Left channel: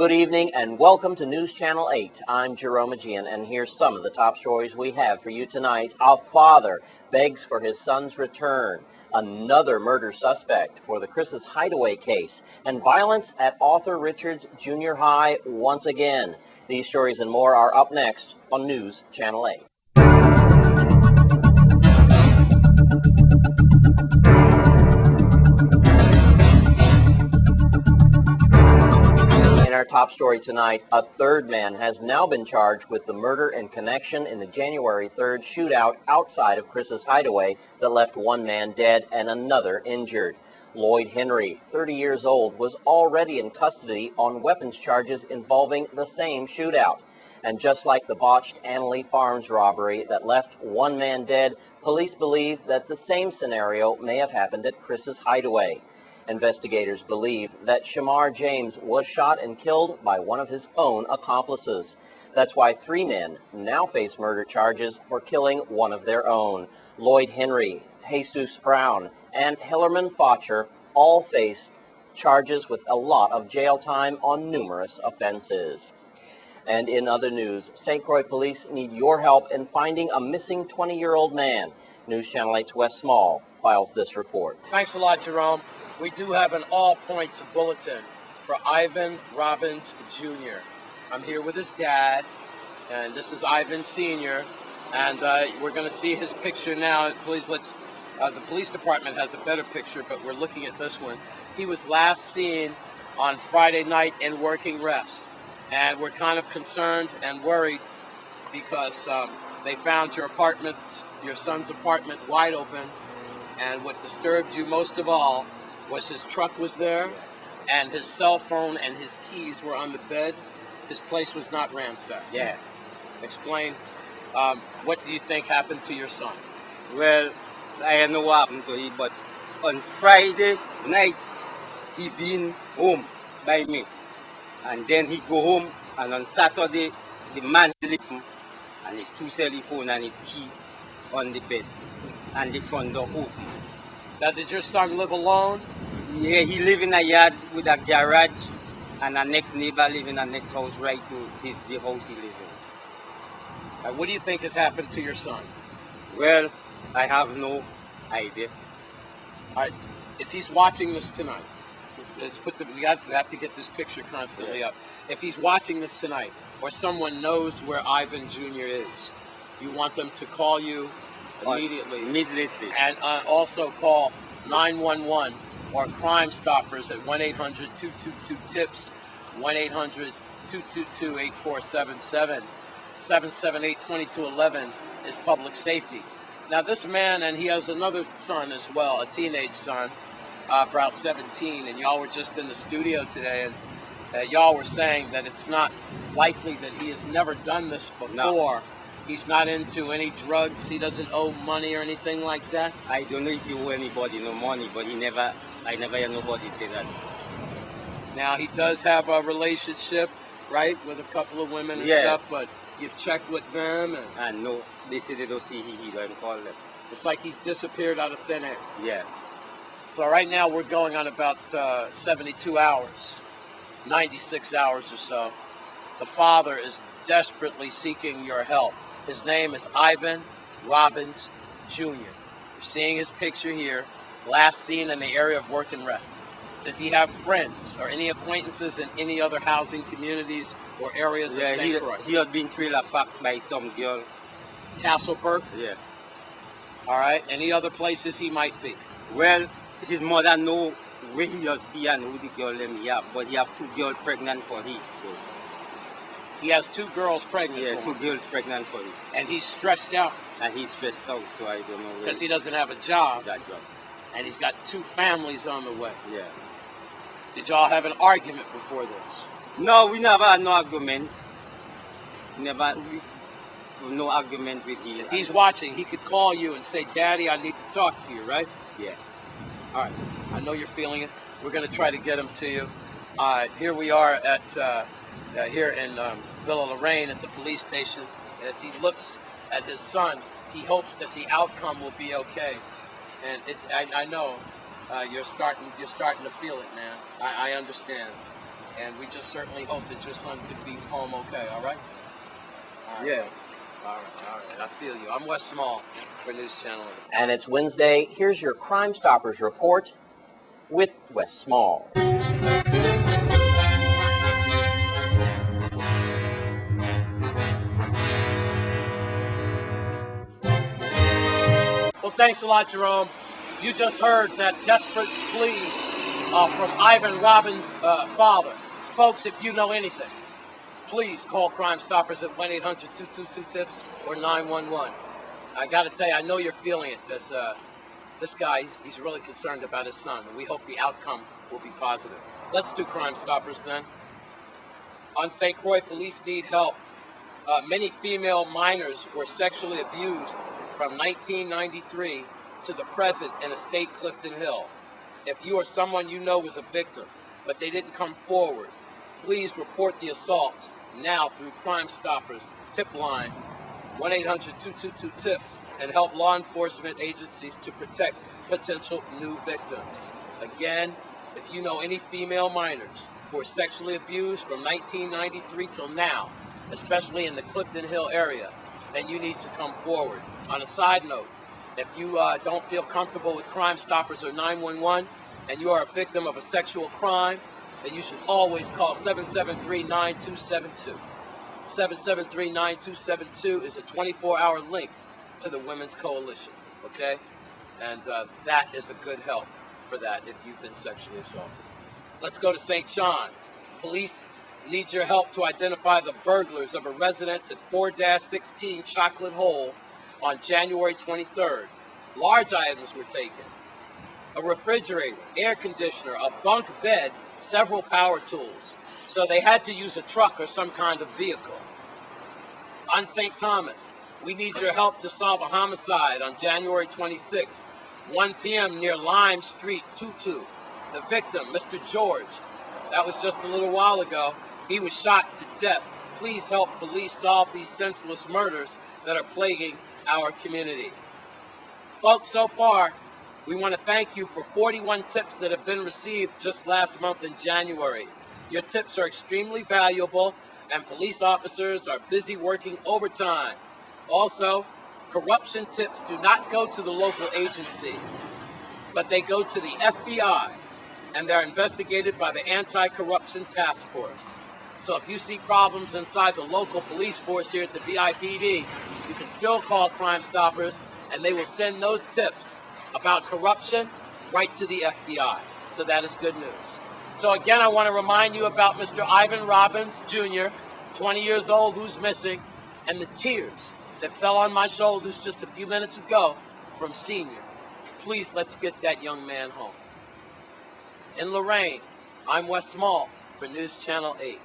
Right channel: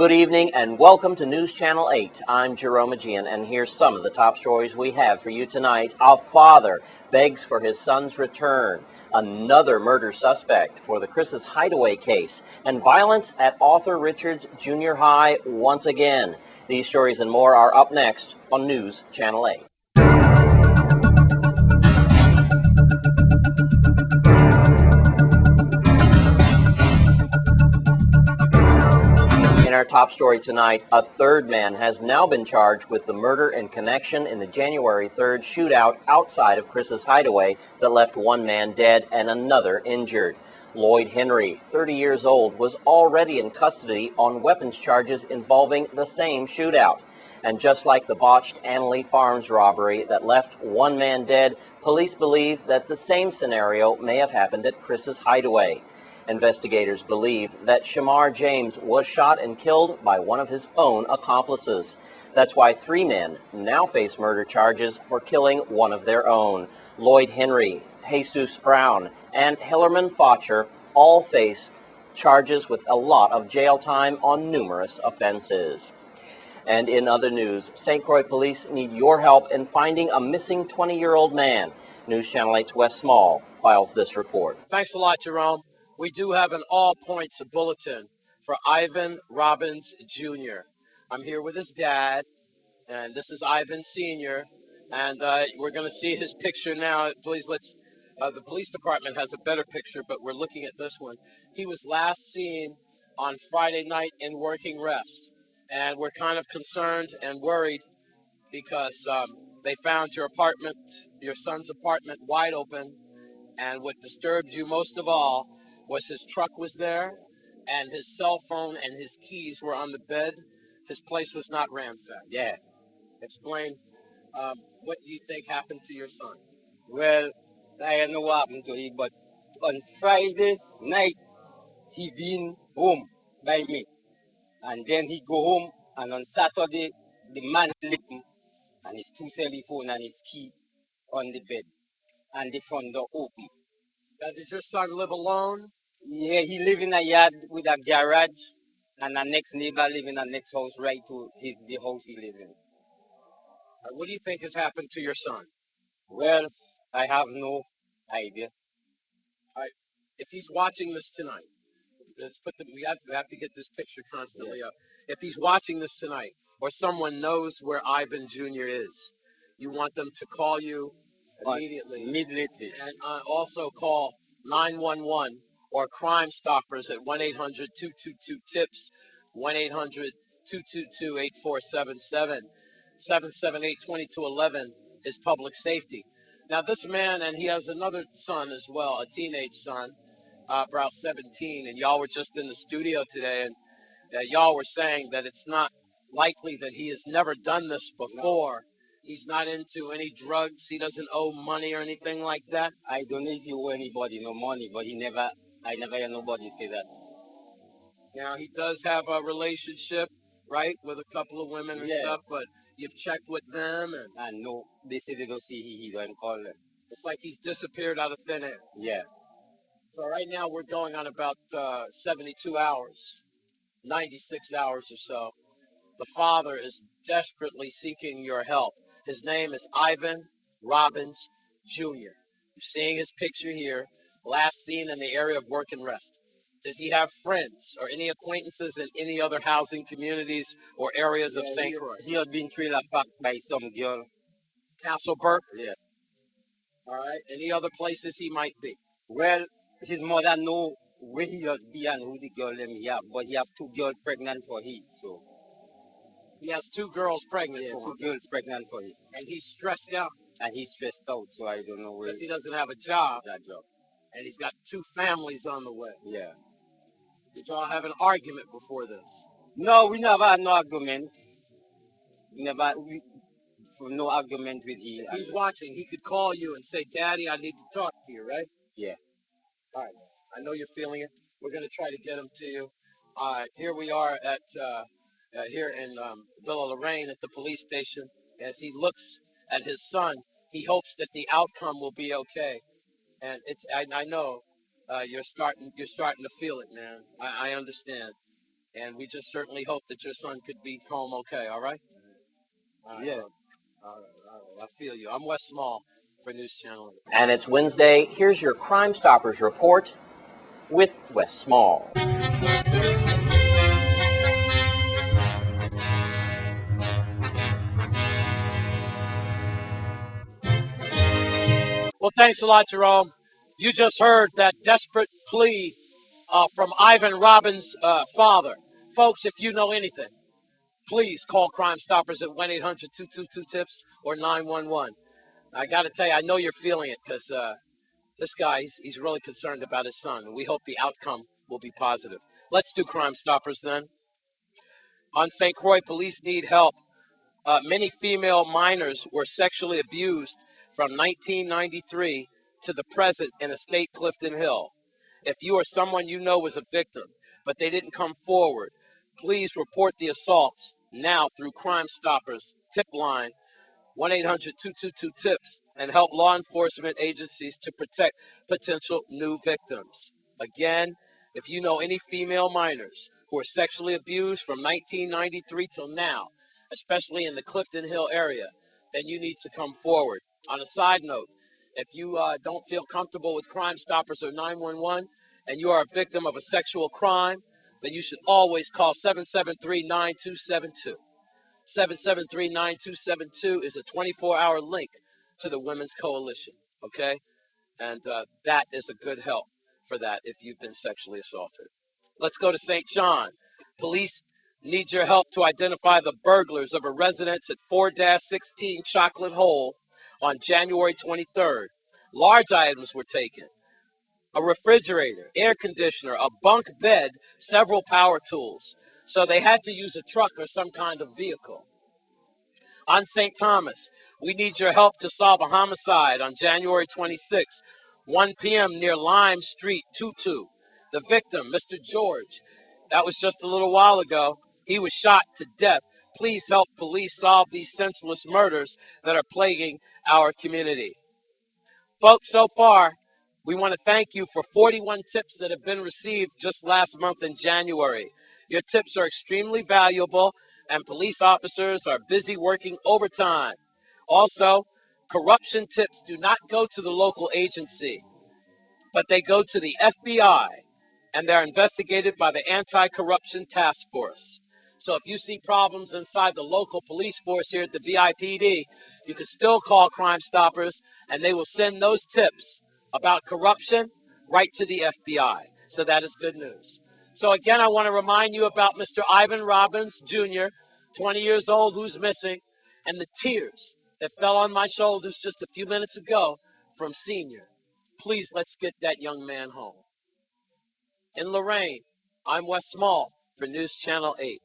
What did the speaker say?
Good evening and welcome to News Channel 8. I'm Jerome Aegean, and here's some of the top stories we have for you tonight. A father begs for his son's return, another murder suspect for the Chris's Hideaway case, and violence at Arthur Richards Junior High once again. These stories and more are up next on News Channel 8. In our top story tonight, a third man has now been charged with the murder and connection in the January 3rd shootout outside of Chris's Hideaway that left one man dead and another injured. Lloyd Henry, 30 years old, was already in custody on weapons charges involving the same shootout. And just like the botched Annalee Farms robbery that left one man dead, police believe that the same scenario may have happened at Chris's Hideaway. Investigators believe that Shamar James was shot and killed by one of his own accomplices. That's why three men now face murder charges for killing one of their own. Lloyd Henry, Jesus Brown, and Hillerman Fotcher all face charges with a lot of jail time on numerous offenses. And in other news, St. Croix police need your help in finding a missing 20-year-old man. News Channel 8's Wes Small files this report. Thanks a lot, Jerome. We do have an all-points bulletin for Ivan Robbins Jr. I'm here with his dad, and this is Ivan Sr., and we're going to see his picture now. Please, the police department has a better picture, but we're looking at this one. He was last seen on Friday night in working rest, and we're kind of concerned and worried because they found your son's apartment wide open, and what disturbed you most of all was his truck was there, and his cell phone and his keys were on the bed. His place was not ransacked. Yeah. Explain, what do you think happened to your son? Well, I don't know what happened to him, but on Friday night, he been home by me. And then he go home, and on Saturday, the man left him, and his two cell phone and his key on the bed, and the front door open. Now, did your son live alone? Yeah, he live in a yard with a garage, and a next neighbor live in a next house right to the house he live in. What do you think has happened to your son? Well, I have no idea. All right, if he's watching this tonight, we have to get this picture constantly up. If he's watching this tonight, or someone knows where Ivan Jr. is, you want them to call you immediately. And also call 911 or Crime Stoppers at 1-800-222-TIPS, 1-800-222-8477. 778-2211 is public safety. Now this man, and he has another son as well, a teenage son, about 17, and y'all were just in the studio today, and y'all were saying that it's not likely that he has never done this before. No. He's not into any drugs, he doesn't owe money or anything like that. I don't know if he owe anybody no money, but I never hear nobody say that. Now he does have a relationship, right, with a couple of women and stuff, but you've checked with them, and I know they say they don't see he don't call them. it's like he's disappeared out of thin air. Yeah. So right now we're going on about 72 hours, 96 hours or so. The father is desperately seeking your help. His name is Ivan Robbins Jr. You're seeing his picture here, last seen in the area of work and rest. Does he have friends or any acquaintances in any other housing communities or areas of St. Croix? He had been trailer parked by some girl. Castleburg? Yeah. All right. Any other places he might be? Well, his mother know where he has been and who the girl them he have, but he have two girls pregnant for him, so. He has two girls pregnant for him. Two girls pregnant for him. And he's stressed out. And he's stressed out, so I don't know. Because he doesn't have a job. That job. And he's got two families on the way. Yeah. Did y'all have an argument before this? No, we never had no argument. No argument with him. If he's watching, he could call you and say, Daddy, I need to talk to you, right? Yeah. All right. I know you're feeling it. We're going to try to get him to you. Here we are at here in Villa Lorraine at the police station. As he looks at his son, he hopes that the outcome will be okay. And I know you're starting to feel it, man. I understand. And we just certainly hope that your son could be home okay, all right? All right. Yeah. All right. I feel you. I'm Wes Small for News Channel 8. And it's Wednesday. Here's your Crime Stoppers report with Wes Small. Well, thanks a lot, Jerome. You just heard that desperate plea from Ivan Robbins' father. Folks, if you know anything, please call Crime Stoppers at 1-800-222-TIPS or 911. I got to tell you, I know you're feeling it because this guy, he's really concerned about his son, and we hope the outcome will be positive. Let's do Crime Stoppers then. On St. Croix, police need help. Many female minors were sexually abused from 1993 to the present in estate Clifton Hill. If you or someone you know was a victim, but they didn't come forward, please report the assaults now through Crime Stoppers tip line 1-800-222-TIPS and help law enforcement agencies to protect potential new victims. Again, if you know any female minors who were sexually abused from 1993 till now, especially in the Clifton Hill area, then you need to come forward. On a side note, if you don't feel comfortable with Crime Stoppers or 911 and you are a victim of a sexual crime, then you should always call 773-9272. 773-9272 is a 24-hour link to the Women's Coalition, okay? And that is a good help for that if you've been sexually assaulted. Let's go to St. John. Police need your help to identify the burglars of a residence at 4-16 Chocolate Hole on January 23rd. Large items were taken: a refrigerator, air conditioner, a bunk bed, several power tools. So they had to use a truck or some kind of vehicle. On St. Thomas, we need your help to solve a homicide on January 26, 1 p.m. near Lime Street, Tutu. The victim, Mr. George, that was just a little while ago. He was shot to death. Please help police solve these senseless murders that are plaguing our community. Folks, so far, we want to thank you for 41 tips that have been received just last month in January. Your tips are extremely valuable, and police officers are busy working overtime. Also, corruption tips do not go to the local agency, but they go to the FBI, and they're investigated by the Anti-Corruption Task Force. So if you see problems inside the local police force here at the VIPD, you can still call Crime Stoppers, and they will send those tips about corruption right to the FBI. So that is good news. So again, I want to remind you about Mr. Ivan Robbins, Jr., 20 years old, who's missing, and the tears that fell on my shoulders just a few minutes ago from Senior. Please, let's get that young man home. In Lorraine, I'm Wes Small for News Channel 8.